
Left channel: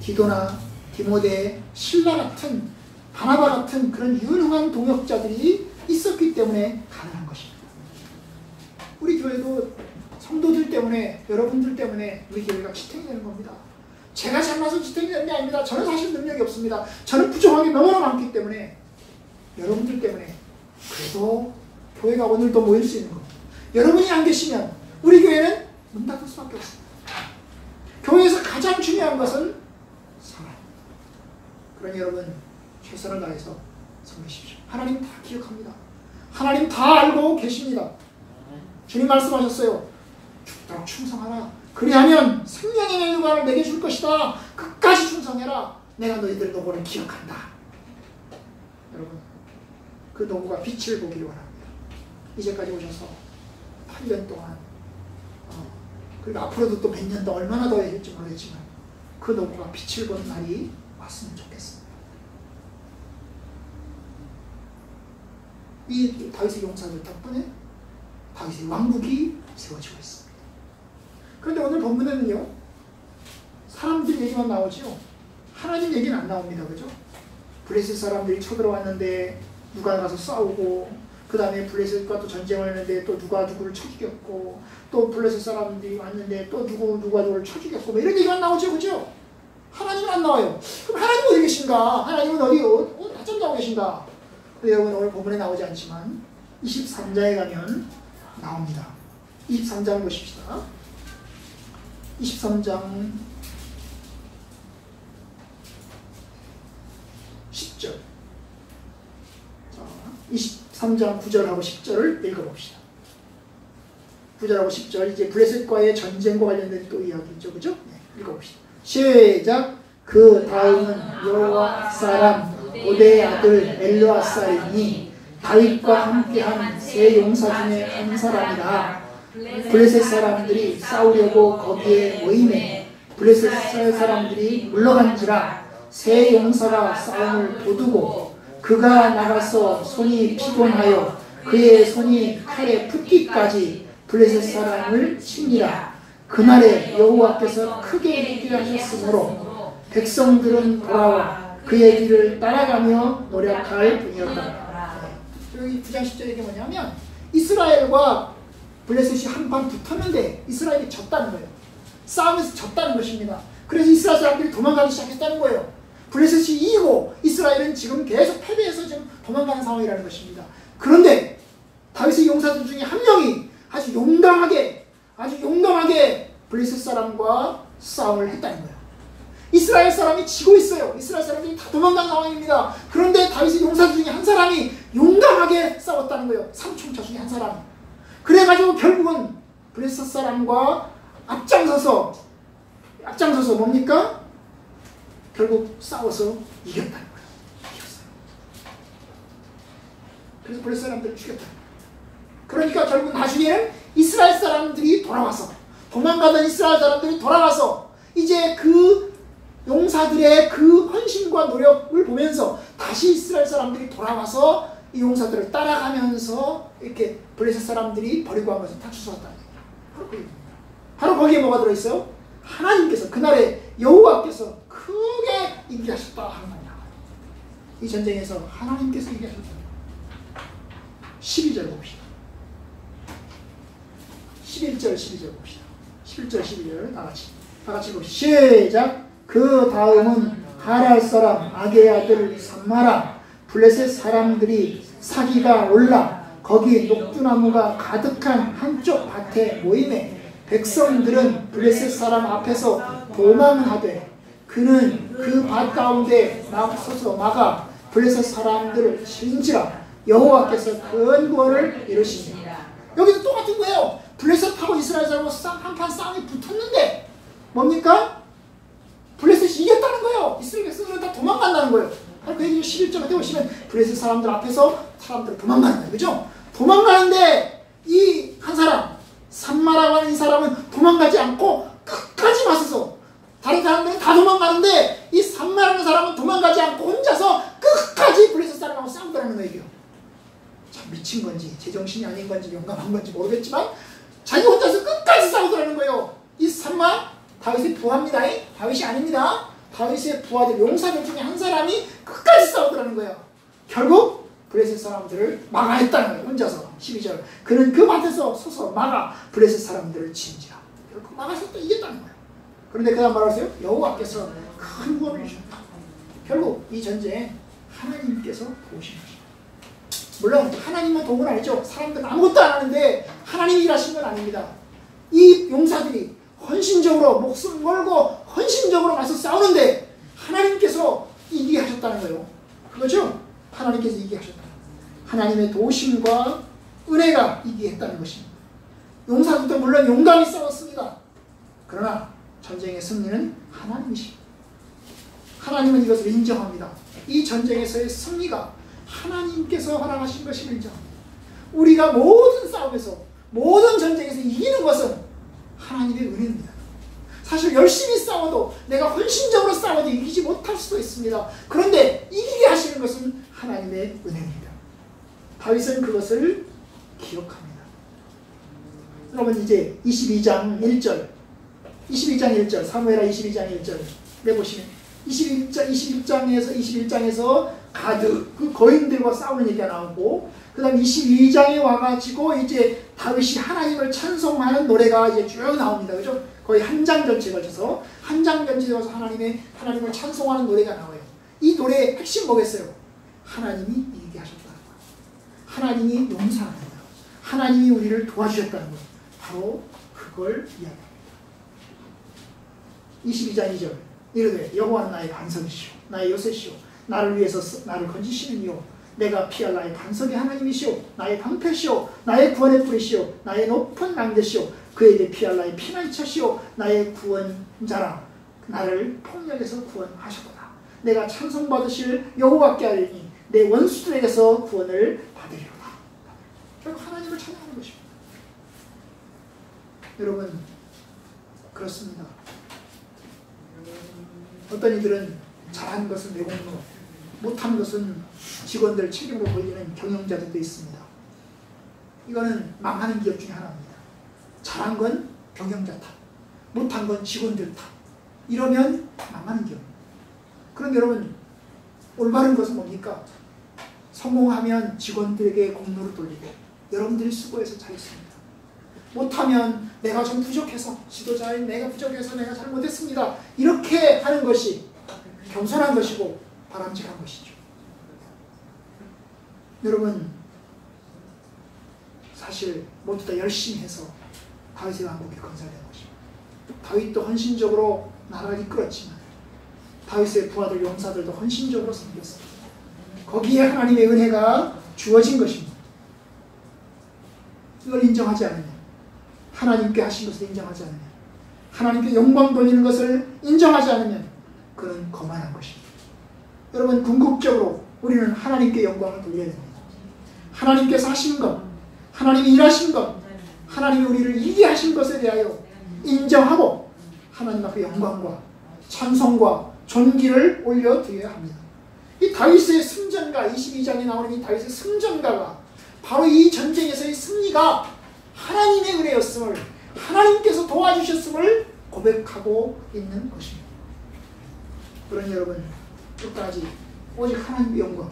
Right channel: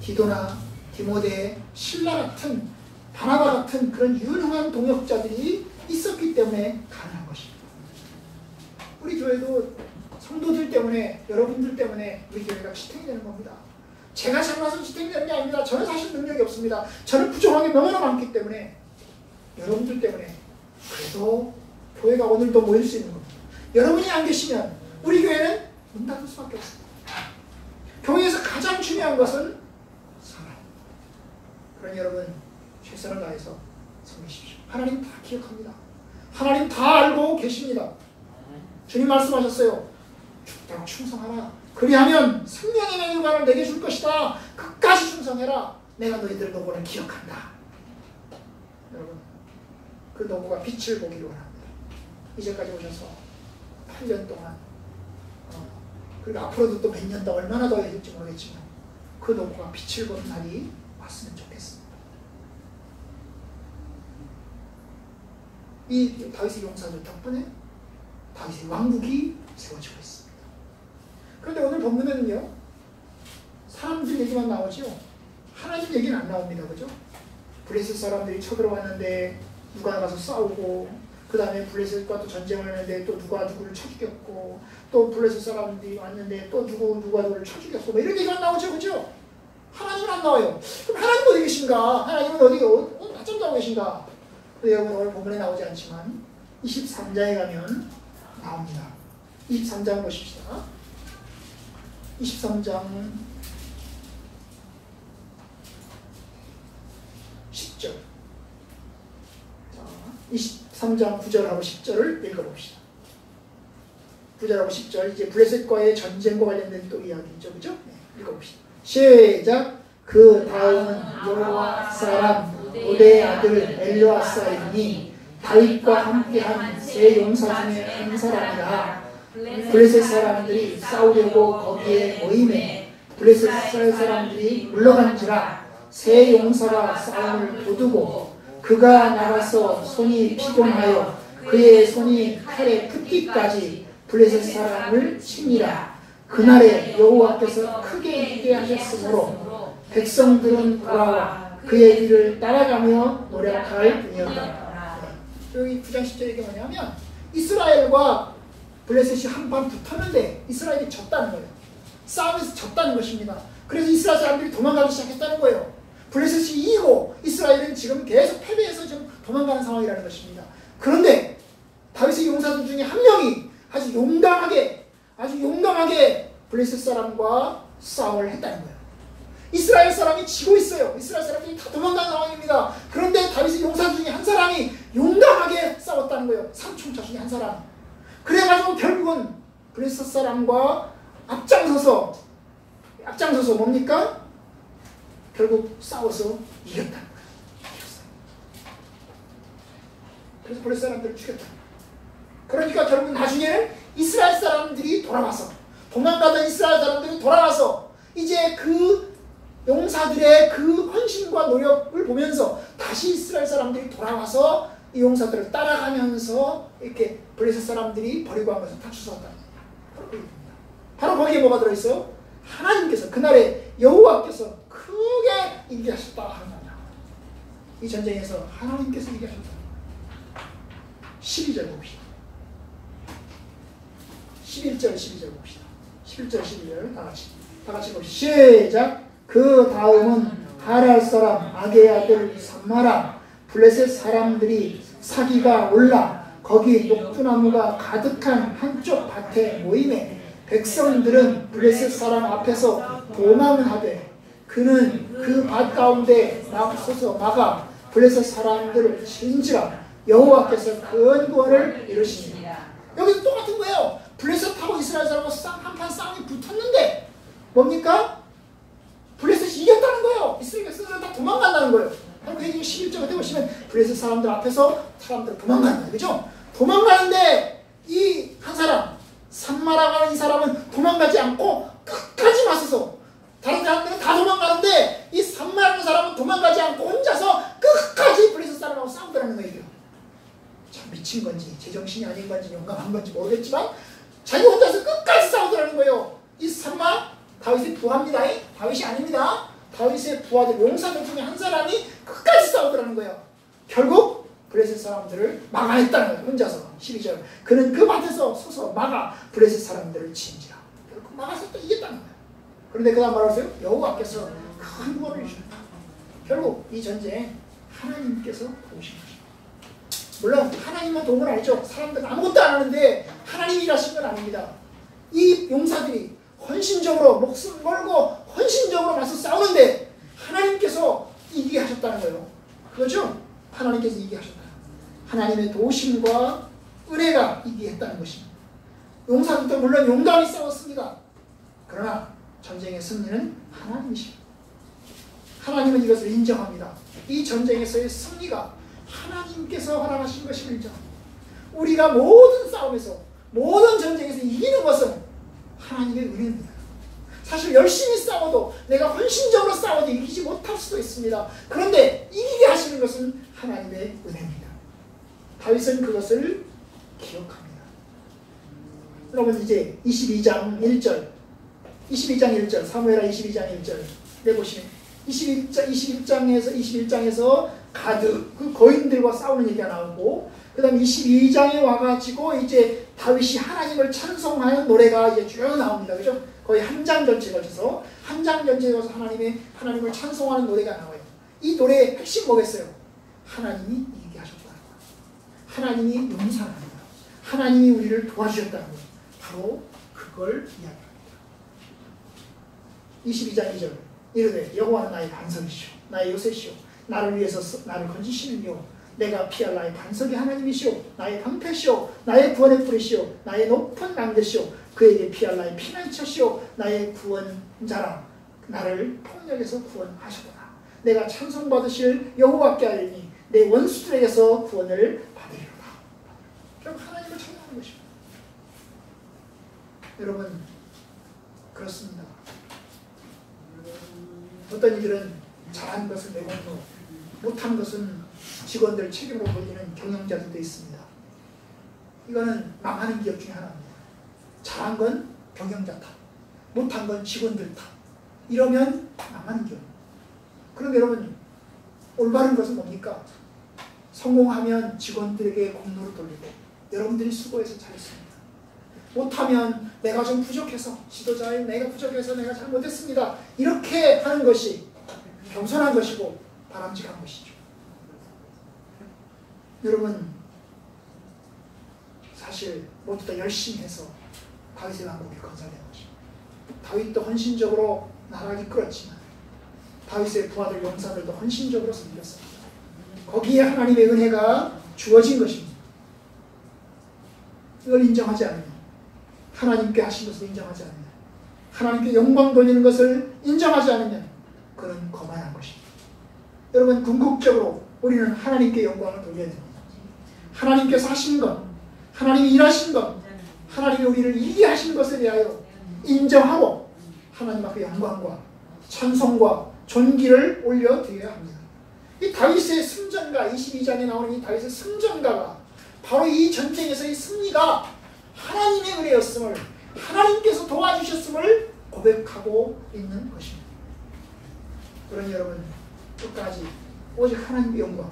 디도나 디모데, 실라 같은, 바나바 같은 그런 유능한 동역자들이 있었기 때문에 가능한 것입니다. 우리 교회도 성도들 때문에, 여러분들 때문에 우리 교회가 지탱이 되는 겁니다. 제가 잘나서 지탱이 되는 게 아닙니다. 저는 사실 능력이 없습니다. 저는 부족한 게 너무나 많기 때문에 여러분들 때문에 그래도 교회가 오늘도 모일 수 있는 겁니다. 여러분이 안 계시면 우리 교회는 문 닫을 수밖에 없습니다. 교회에서 가장 중요한 것은 사랑. 그러니 여러분, 최선을 다해서 섬기십시오. 하나님 다 기억합니다. 하나님 다 알고 계십니다. 주님 말씀하셨어요. 죽도록 충성하라. 그리하면 생명의 면류관을 내게 줄 것이다. 끝까지 충성해라. 내가 너희들의 노고를 기억한다. 여러분, 그 노고가 빛을 보기를 원합니다. 이제까지 오셔서 8년 동안, 그리고 앞으로도 또 몇 년 더 얼마나 더 해줄지 모르겠지만 그 노고가 빛을 보는 날이 왔으면 좋겠습니다. 이 다윗의 용사들 덕분에 다윗의 왕국이 세워지고 있습니다. 그런데 오늘 본문에는요, 사람들 얘기만 나오죠. 하나님 얘기는 안 나옵니다. 그죠? 블레셋 사람들이 쳐들어왔는데 누가 가서 싸우고, 그 다음에 블레셋과 또 전쟁을 했는데 또 누가 누구를 쳐 죽였고, 또 블레셋 사람들이 왔는데 또 누가 누구를 쳐 죽였고, 뭐 이런 얘기만 나오죠. 그죠? 하나님은 안 나와요. 그럼 하나님 어디 계신가? 하나님은 어디 낮잠 자고 계신가? 여러분 오늘 본문에 나오지 않지만 23장에 가면 나옵니다. 23장 보십시다. 23장 10절. 자, 23장 9절하고 10절을 읽어봅시다. 9절하고 10절, 이제 블레셋과의 전쟁과 관련된 또 이야기죠. 그죠? 네, 읽어봅시다. 시작. 그 다음은 여호와 사람 오데의 아들 엘르아사이니 다윗과 함께한 세 용사 중에 한 사람이라. 블레셋 사람들이 싸우려고 거기에 모임에 블레셋 사람들이 물러간지라. 세 용사가 싸움을 도두고 그가 나가서 손이 피곤하여 그의 손이 칼에 붙기까지 블레셋 사람을 치니라. 그날에 여호와께서 크게 이기게 하셨으므로 백성들은 돌아와 그의 길을 따라가며 노력할 뿐이었다. 여기 9장 10절에 이게 뭐냐면 이스라엘과 블레셋이 한판 붙었는데 이스라엘이 졌다는 거예요. 싸움에서 졌다는 것입니다. 그래서 이스라엘 사람들이 도망가기 시작했다는 거예요. 블레셋이 이기고 이스라엘은 지금 계속 패배해서 지금 도망가는 상황이라는 것입니다. 그런데 다윗의 용사들 중에 한 명이 아주 용감하게 블레셋 사람과 싸움을 했다는 거예요. 이스라엘 사람이 지고 있어요. 이스라엘 사람들이 다 도망가는 상황입니다. 그런데 다윗의 용사들 중에 한 사람이 용감하게 싸웠다는 거예요. 삼총차 중에 한 사람. 그래가지고 결국은 블레셋 사람과 앞장서서 뭡니까? 결국 싸워서 이겼다는 거예요. 이겼어요. 그래서 블레셋 사람들을 죽였다는 거예요. 그러니까 결국 나중에는 이스라엘 사람들이 돌아와서 도망가던 이스라엘 사람들이 돌아와서 이제 그 용사들의 그 헌신과 노력을 보면서 다시 이스라엘 사람들이 돌아와서 이 용사들을 따라가면서 이렇게 블레셋 사람들이 버리고 한 것을 다 주워왔다는 거예요. 바로 거기에 뭐가 들어있어요? 하나님께서 그날에 여호와께서 크게 이기하셨다 하는 겁니다. 이 전쟁에서 하나님께서 이기하셨다. 12절 봅시다. 11절 12절 봅시다. 11절 12절 다 같이 봅시다. 시작. 그 다음은 하랄 사람 아게의 아들 삼마라 블레셋 사람들이 사기가 올라 거기 녹두나무가 가득한 한쪽 밭에 모임에 백성들은 블레셋 사람 앞에서 도망하되 그는 그 밭 가운데 서서 막아 블레셋 사람들을 친지라. 여호와께서 큰 구원을 이루시니. 여기도 똑같은 거예요. 블레셋하고 이스라엘 사람하고 한판 싸움이 붙었는데 뭡니까? 블레셋이 이겼다는 거예요. 이스라엘 백성들은 다 도망간다는 거예요. 그 얘기 11절 그때 보시면 블레셋 사람들 앞에서 사람들 도망간다. 그죠? 도망가는데 이 한 사람 산마라고 하는 이 사람은 도망가지 않고 끝까지 맞서서 다른 사람들은 다 도망가는데 이 산마라는 사람은 도망가지 않고 혼자서 끝까지 블레셋 사람하고 싸우더라는 거예요. 참 미친 건지 제정신이 아닌 건지 용감한 건지 모르겠지만 자기 혼자서 끝까지 싸우더라는 거예요. 이 산마 다윗의 부하입니다. 다윗이 아닙니다. 다윗의 부하들 용사들 중에 한 사람이 끝까지 싸우더라는 거예요. 결국 블레셋 사람들을 막아냈다는 거예요. 혼자서. 12절 그는 그 밭에서 서서 막아 블레셋 사람들을 친지라. 결국 막아서 또 이겼다는 거예요. 그런데 그 다음 말하세요. 여호와께서 큰 구원을 주셨다. 결국 이 전쟁 하나님께서 도우신 것입니다. 물론 하나님만 도움은 아니죠. 사람들은 아무것도 안 하는데 하나님이 일하신 건 아닙니다. 이 용사들이 헌신적으로 목숨 걸고 헌신적으로 맞서 싸우는데 하나님께서 이기게 하셨다는 거예요. 그거죠? 하나님께서 이기게 하셨다. 하나님의 도우심과 은혜가 이기게 했다는 것입니다. 용사들도 물론 용감히 싸웠습니다. 그러나 전쟁의 승리는 하나님이십니다. 하나님은 이것을 인정합니다. 이 전쟁에서의 승리가 하나님께서 허락하신 것임을 인정합니다. 우리가 모든 싸움에서 모든 전쟁에서 이기는 것은 하나님의 은혜입니다. 사실 열심히 싸워도 내가 헌신적으로 싸워도 이기지 못할 수도 있습니다. 그런데 이기게 하시는 것은 하나님의 은혜입니다. 다윗은 그것을 기억합니다. 여러분 이제 22장 1절 사무엘하 22장 1절 내보시면 21장에서 가드 그 거인들과 싸우는 얘기가 나오고 그 다음 22장에 와가지고 이제 다윗이 하나님을 찬송하는 노래가 이제 쭉 나옵니다. 그죠? 거의 한 장 전체에 걸쳐서 한 장 전체에 걸쳐서 하나님을 찬송하는 노래가 나와요. 이 노래의 핵심 뭐겠어요? 하나님이 이기게 하셨다는 거. 하나님이 용서합니다. 하나님이 우리를 도와주셨다는 거. 바로 그걸 이야기합니다. 22장 2절 이르되 여호와는 나의 반석이시오 나의 요새시오 나를 위해서 나를 건지시는 이요 내가 피할 나의 반석의 하나님이시오 나의 방패시오 나의 구원의 뿌리시오 나의 높은 망대시오 그에게 피할 나의 피난처시오 나의 구원자라 나를 폭력에서 구원하셨구나 내가 찬송받으실 여호와께 하리니 내 원수들에게서 구원을 받으리로다. 결국 하나님을 찬양하는 것입니다. 여러분 그렇습니다. 어떤 이들은 잘한 것은 내공로 못한 것은 직원들 책임으로 돌리는 경영자들도 있습니다. 이거는 망하는 기업 중에 하나입니다. 잘한 건 경영자 탓, 못한 건 직원들 탓. 이러면 망하는 기업. 그럼 여러분 올바른 것은 뭡니까? 성공하면 직원들에게 공로를 돌리고 여러분들이 수고해서 잘했습니다. 못하면 내가 좀 부족해서 지도자인 내가 부족해서 내가 잘못했습니다. 이렇게 하는 것이 겸손한 것이고 바람직한 것이죠. 여러분 사실 모두 다 열심히 해서 다윗의 왕국이 건설된 것입니다. 다윗도 헌신적으로 나라를 이끌었지만 다윗의 부하들 용사들도 헌신적으로 섬겼습니다. 거기에 하나님의 은혜가 주어진 것입니다. 이걸 인정하지 않으면 하나님께 하신 것을 인정하지 않으면 하나님께 영광 돌리는 것을 인정하지 않으면 그는 거만한 것입니다. 여러분 궁극적으로 우리는 하나님께 영광을 돌려야 됩니다. 하나님께서 하신 것, 하나님이 일하신 것, 하나님이 우리를 이기게 하신 것에 대하여 인정하고 하나님 앞에 영광과 찬송과 존귀를 올려드려야 합니다. 이 다윗의 승전가 22장에 나오는 이 다윗의 승전가가 바로 이 전쟁에서의 승리가 하나님의 은혜였음을 하나님께서 도와주셨음을 고백하고 있는 것입니다. 그러니 여러분 끝까지 오직 하나님의 영광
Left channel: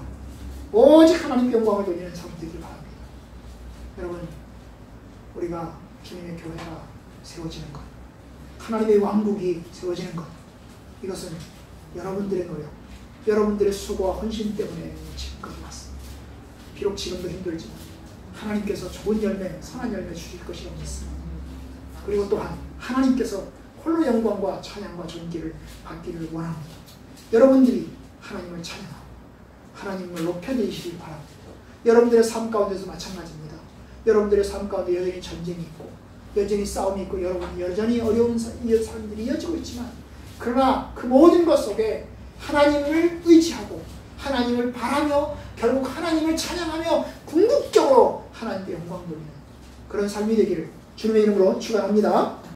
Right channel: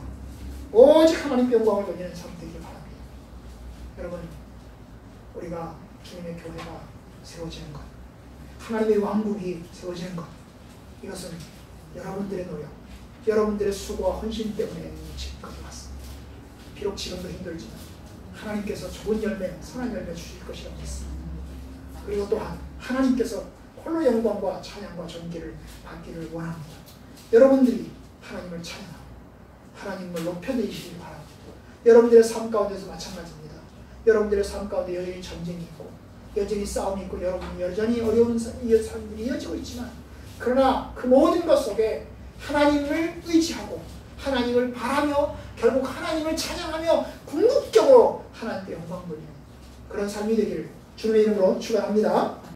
오직 하나님께 영광을 돌리는 삶이 되길 바랍니다. 여러분 우리가 주님의 교회가 세워지는 것 하나님의 왕국이 세워지는 것 이것은 여러분들의 노력 여러분들의 수고와 헌신 때문에 지금까지 왔습니다. 비록 지금도 힘들지만 하나님께서 좋은 열매 선한 열매 주실 것이라고 믿습니다. 그리고 또한 하나님께서 홀로 영광과 찬양과 존귀를 받기를 원합니다. 여러분들이 하나님을 찬양하고 하나님을 높여내시길 바랍니다. 여러분들의 삶 가운데서 마찬가지입니다. 여러분들의 삶 가운데 여전히 전쟁이 있고 여전히 싸움이 있고 여러분 여전히 어려운 삶들이 이어지고 있지만 그러나 그 모든 것 속에 하나님을 의지하고 하나님을 바라며 결국 하나님을 찬양하며 궁극적으로 하나님께 영광 돌리는 그런 삶이 되기를 주님의 이름으로 축원합니다.